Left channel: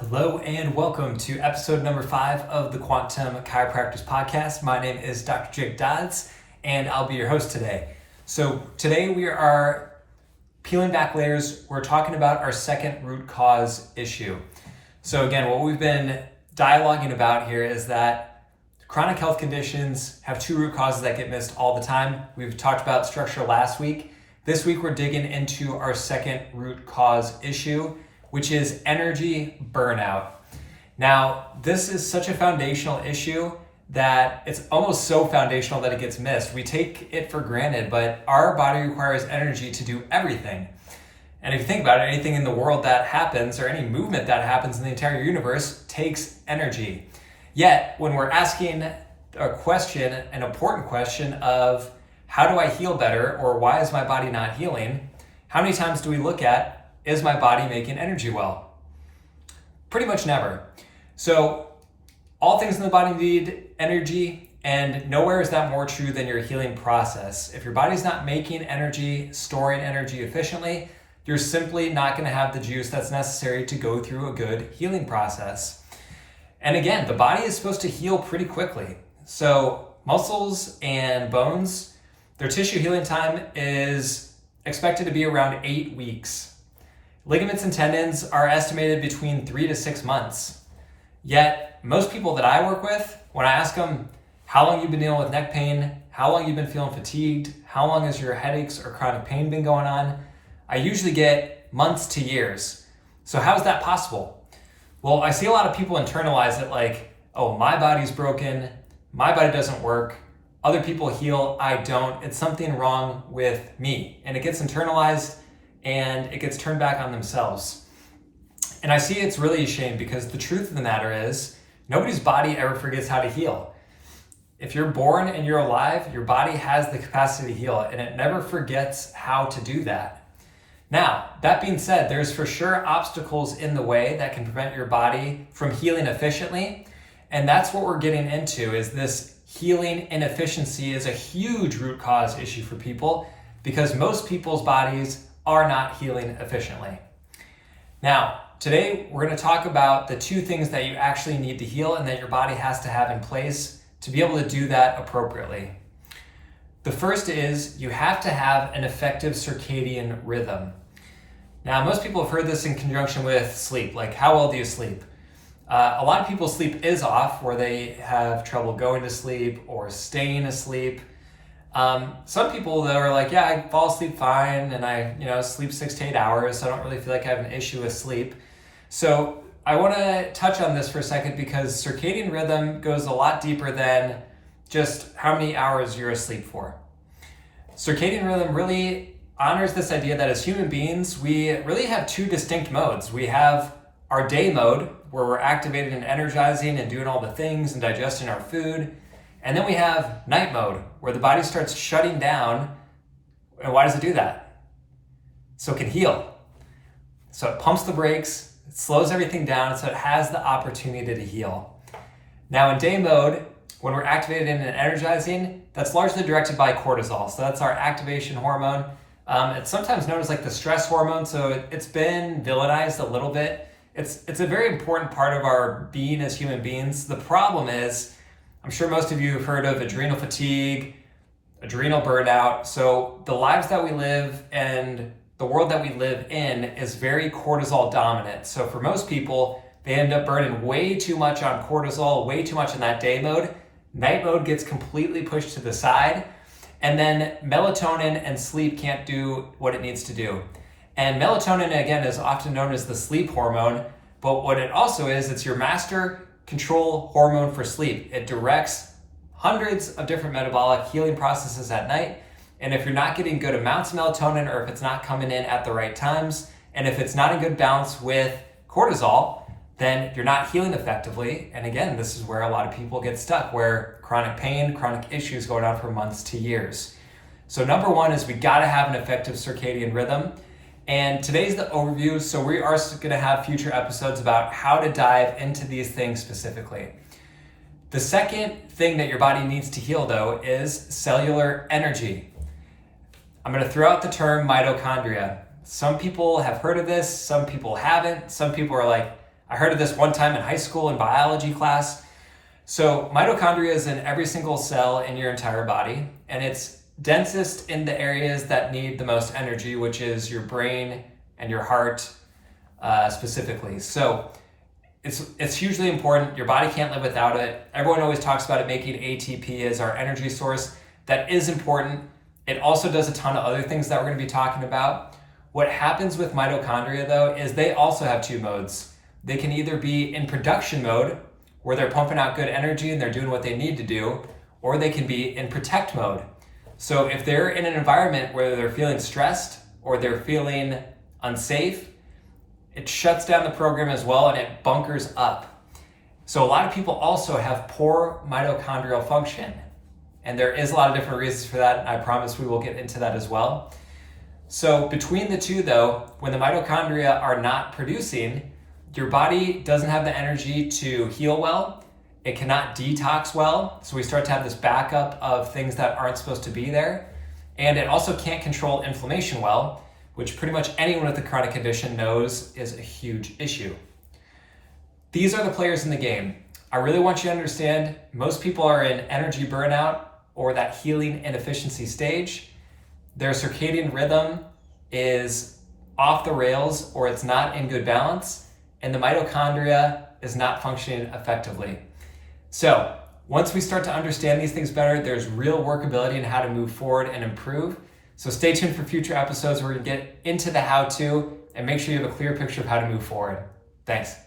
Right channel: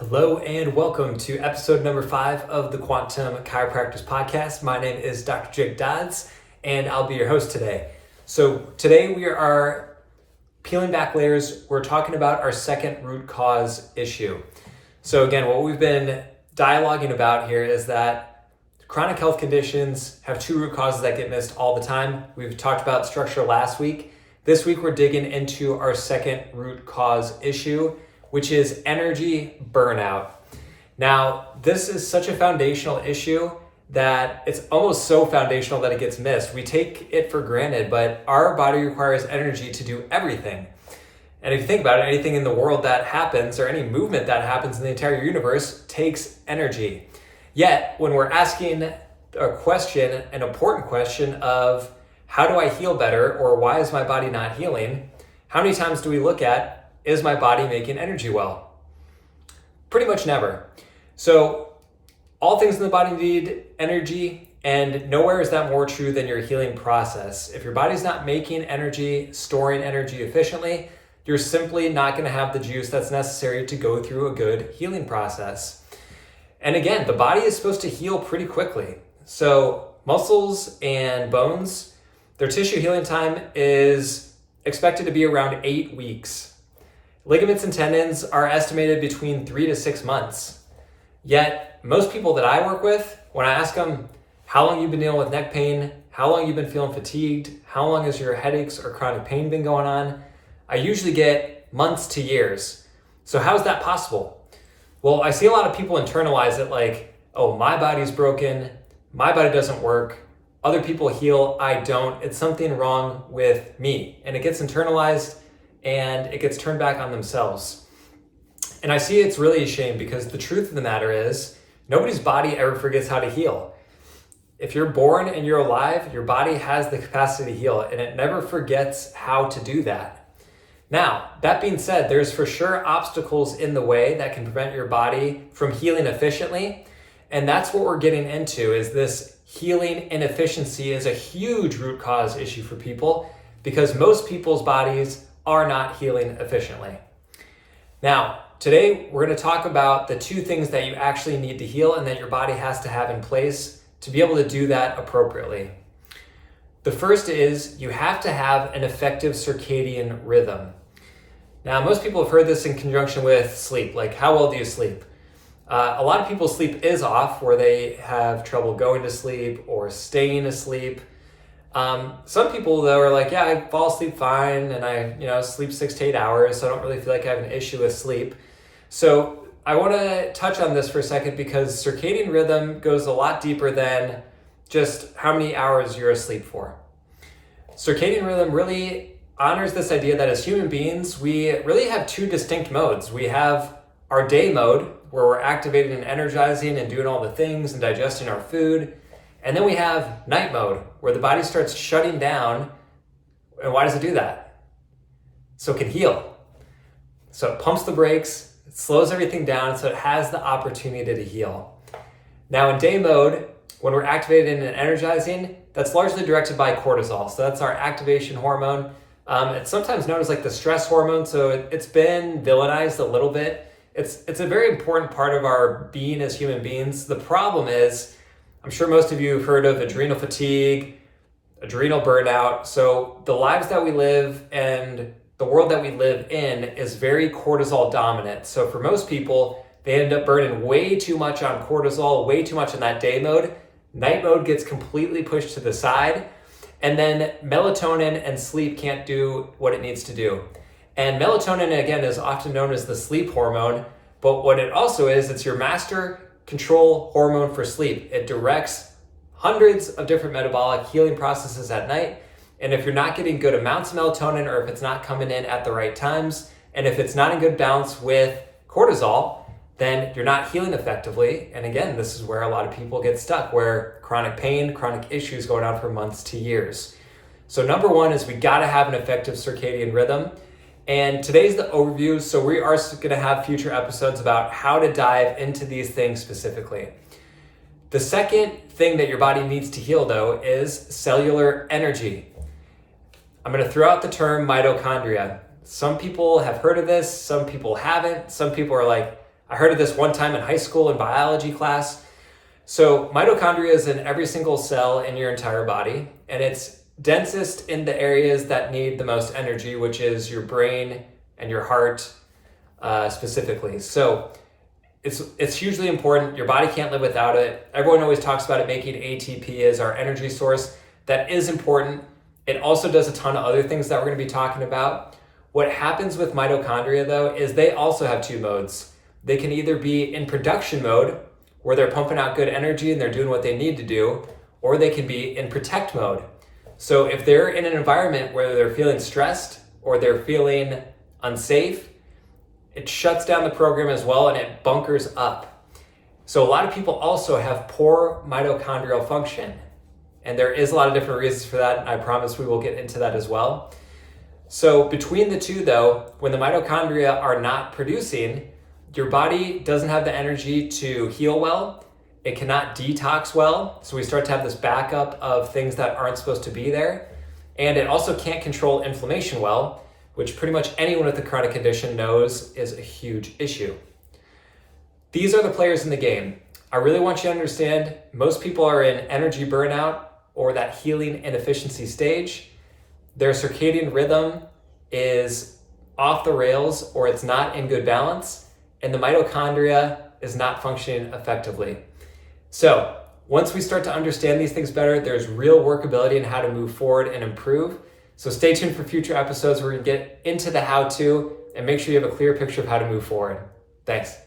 Hello and welcome to episode number 5 of the Quantum Chiropractors podcast. My name is Dr. Jake Dodds and I'll be your host today. So today we are peeling back layers. We're talking about our second root cause issue. So again, what we've been dialoguing about here is that chronic health conditions have 2 root causes that get missed all the time. We've talked about structure last week. This week we're digging into our second root cause issue, which is energy burnout. Now, this is such a foundational issue that it's almost so foundational that it gets missed. We take it for granted, but our body requires energy to do everything. And if you think about it, anything in the world that happens or any movement that happens in the entire universe takes energy. Yet, when we're asking a question, an important question of how do I heal better or why is my body not healing, how many times do we look at, is my body making energy well? Pretty much never. So all things in the body need energy, and nowhere is that more true than your healing process. If your body's not making energy, storing energy efficiently, you're simply not going to have the juice that's necessary to go through a good healing process. And again, the body is supposed to heal pretty quickly. So muscles and bones, their tissue healing time is expected to be around 8 weeks. Ligaments and tendons are estimated between 3 to 6 months. Yet, most people that I work with, when I ask them how long you've been dealing with neck pain, how long you've been feeling fatigued, how long has your headaches or chronic pain been going on, I usually get months to years. So how is that possible? Well, I see a lot of people internalize it like, oh, my body's broken, my body doesn't work, other people heal, I don't, it's something wrong with me. And it gets internalized and it gets turned back on themselves. And I see it's really a shame because the truth of the matter is nobody's body ever forgets how to heal. If you're born and you're alive, your body has the capacity to heal and it never forgets how to do that. Now, that being said, there's for sure obstacles in the way that can prevent your body from healing efficiently. And that's what we're getting into, is this healing inefficiency is a huge root cause issue for people because most people's bodies are not healing efficiently. Now, today we're going to talk about the 2 things that you actually need to heal and that your body has to have in place to be able to do that appropriately. The first is you have to have an effective circadian rhythm. Now, most people have heard this in conjunction with sleep, like how well do you sleep? A lot of people's sleep is off, where they have trouble going to sleep or staying asleep. Some people though are like, yeah, I fall asleep fine and I sleep 6 to 8 hours, so I don't really feel like I have an issue with sleep. So I want to touch on this for a second because circadian rhythm goes a lot deeper than just how many hours you're asleep for. Circadian rhythm really honors this idea that as human beings, we really have 2 distinct modes. We have our day mode, where we're activated and energizing and doing all the things and digesting our food. And then we have night mode, where the body starts shutting down. And why does it do that? So it can heal. So it pumps the brakes, it slows everything down so it has the opportunity to heal. Now in day mode, when we're activated and energizing, that's largely directed by cortisol. So that's our activation hormone. It's sometimes known as like the stress hormone. So it's been villainized a little bit. It's a very important part of our being as human beings. The problem is, I'm sure most of you have heard of adrenal fatigue, adrenal burnout. So the lives that we live and the world that we live in is very cortisol dominant. So for most people, they end up burning way too much on cortisol, way too much in that day mode. Night mode gets completely pushed to the side. And then melatonin and sleep can't do what it needs to do. And melatonin, again, is often known as the sleep hormone. But what it also is, it's your master control hormone for sleep. It directs hundreds of different metabolic healing processes at night. And if you're not getting good amounts of melatonin, or if it's not coming in at the right times, and if it's not in good balance with cortisol, then you're not healing effectively. And again, this is where a lot of people get stuck, where chronic pain, chronic issues going on for months to years. So number 1 is we gotta have an effective circadian rhythm. And today's the overview, so we are going to have future episodes about how to dive into these things specifically. The second thing that your body needs to heal, though, is cellular energy. I'm going to throw out the term mitochondria. Some people have heard of this, some people haven't. Some people are like, I heard of this one time in high school in biology class. So mitochondria is in every single cell in your entire body, and it's densest in the areas that need the most energy, which is your brain and your heart specifically. So it's hugely important. Your body can't live without it. Everyone always talks about it making ATP as our energy source. That is important. It also does a ton of other things that we're going to be talking about. What happens with mitochondria though is they also have two modes. They can either be in production mode, where they're pumping out good energy and they're doing what they need to do, or they can be in protect mode. So if they're in an environment where they're feeling stressed or they're feeling unsafe, it shuts down the program as well and it bunkers up. So a lot of people also have poor mitochondrial function. And there is a lot of different reasons for that, and I promise we will get into that as well. So between the two though, when the mitochondria are not producing, your body doesn't have the energy to heal well. It cannot detox well. So we start to have this backup of things that aren't supposed to be there. And it also can't control inflammation well, which pretty much anyone with a chronic condition knows is a huge issue. These are the players in the game. I really want you to understand most people are in energy burnout or that healing inefficiency stage. Their circadian rhythm is off the rails or it's not in good balance, and the mitochondria is not functioning effectively. So once we start to understand these things better, there's real workability in how to move forward and improve. So stay tuned for future episodes where we can get into the how-to and make sure you have a clear picture of how to move forward. Thanks.